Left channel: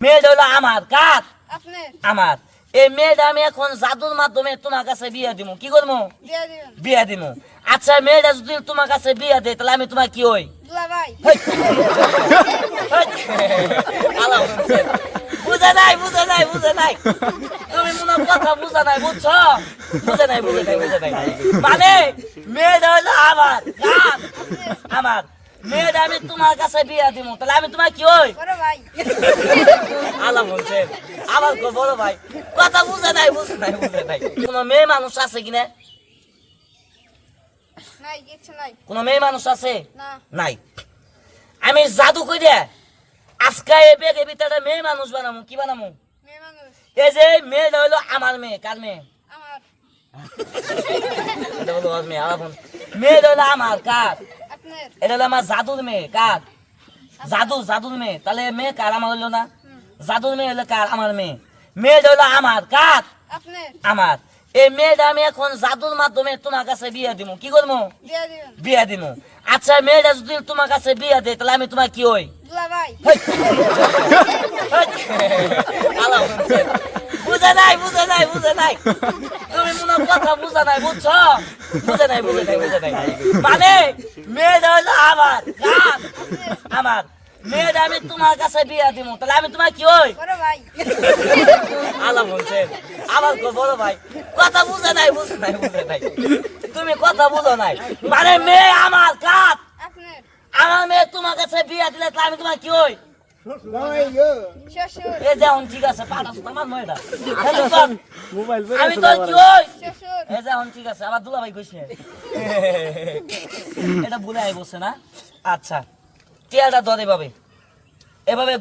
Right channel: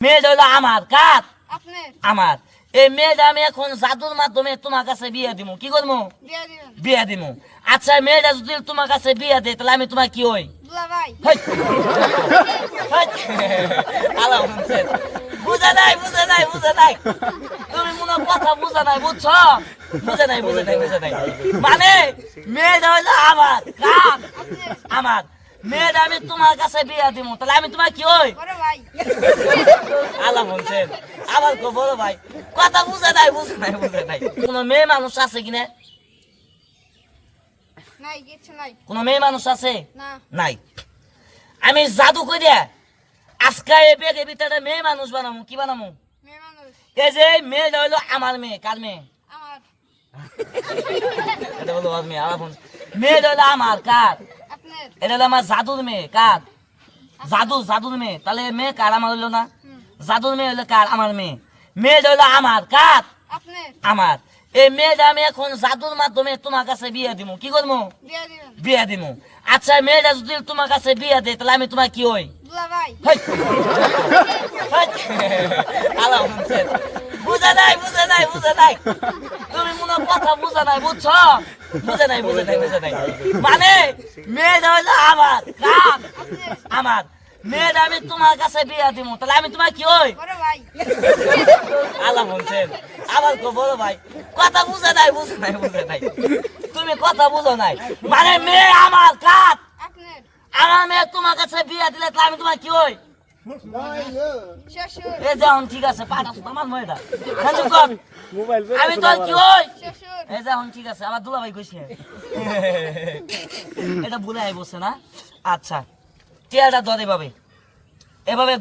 মেয়েটা হলো আমার কার আপনার আমার এই মেয়েটা আমি এখন জাদুর মাধ্যমে তোমার কাছে বিয়ে দিব কি করবো দিয়ে দিবেন বিয়ে দিব আচ্ছা মেয়েটা যদি তোমার কাছে বিয়ে দেয় তাহলে আমি তোমার কি হই দুলা ভাই বুঝে নাই বুঝে নাই বুঝে নাই তুমি মনে হয় কথা বুঝে নাই বুঝছো বুঝে নাই বুঝে নাই বুঝে নাই মানে মেয়েটা হইলো আমার কার আমার মেয়েটা আমি তোমার কাছে বিয়ে দিব তাহলে আমি তোমার কি হই বড় ভাই আলা বলছেন আমার বড় ভাই কথা বুঝে নাই বুঝে নাই বুঝে নাই কোন মেয়ে মানুষ আছে কিনা নাই কিছু নাই কোন মেয়ে মানুষ আছে না নাই আমি জাদু কই দে আজকে এই বেগে ভিতরে মেয়ে মানুষ বানামু কি বানামু মেয়ে মানুষ এই যে মেয়েটা হইলো আমার মেয়ে কার মেয়ে আমার এটা বলো ওর মেয়ে আলাপ মেয়েটা হইলো আমার কার আপনার এটা হলো আমার জাদুর মেয়ে কার জাদুর মেয়ে তাহলে মেয়ে কার আমার হইলো না জাদুর মেয়ে হইলো কার আমার মেয়ে মেয়েটা হইলো আমার কার আপনার আমার এই মেয়েটা আমি এখন জাদুর মাধ্যমে তোমার কাছে বিয়ে দিব কি করবো দিয়ে দিবেন বিয়ে দিব আচ্ছা মেয়েটা যদি তোমার কাছে বিয়ে দেয় তাহলে আমি তোমার কি হই দুলা ভাই বুঝে নাই বুঝে নাই বুঝে নাই তুমি মনে হয় কথা বুঝে নাই বুঝছো বুঝে নাই বুঝে নাই বুঝে নাই মানে মেয়েটা হইলো আমার কার আমার মেয়েটা আমি তোমার কাছে বিয়ে দিব তাহলে আমি তোমার কি হই বড় ভাই আলা বলছেন আমার বড় ভাই কথা বুঝে নাই বুঝে নাই বুঝে নাই তুমি কথা বুঝো নাই মানে মেয়ে আমার কার আপনার আমার মেয়ে তোমার কাছে বিয়ে দিলে তাহলে আমি তোমার কি হই শ্বশুর এই যেমন ঠিক আছে পাঠাস আমার মেয়েটা হ্যালো কর আমি তোর কি হই শ্বশুর এই যেমন ঠিক আছে আমার দুলা ভাই কইছে এটা ভুলে আই বসে না আচ্ছা টিয়াটা ধরে এভাবে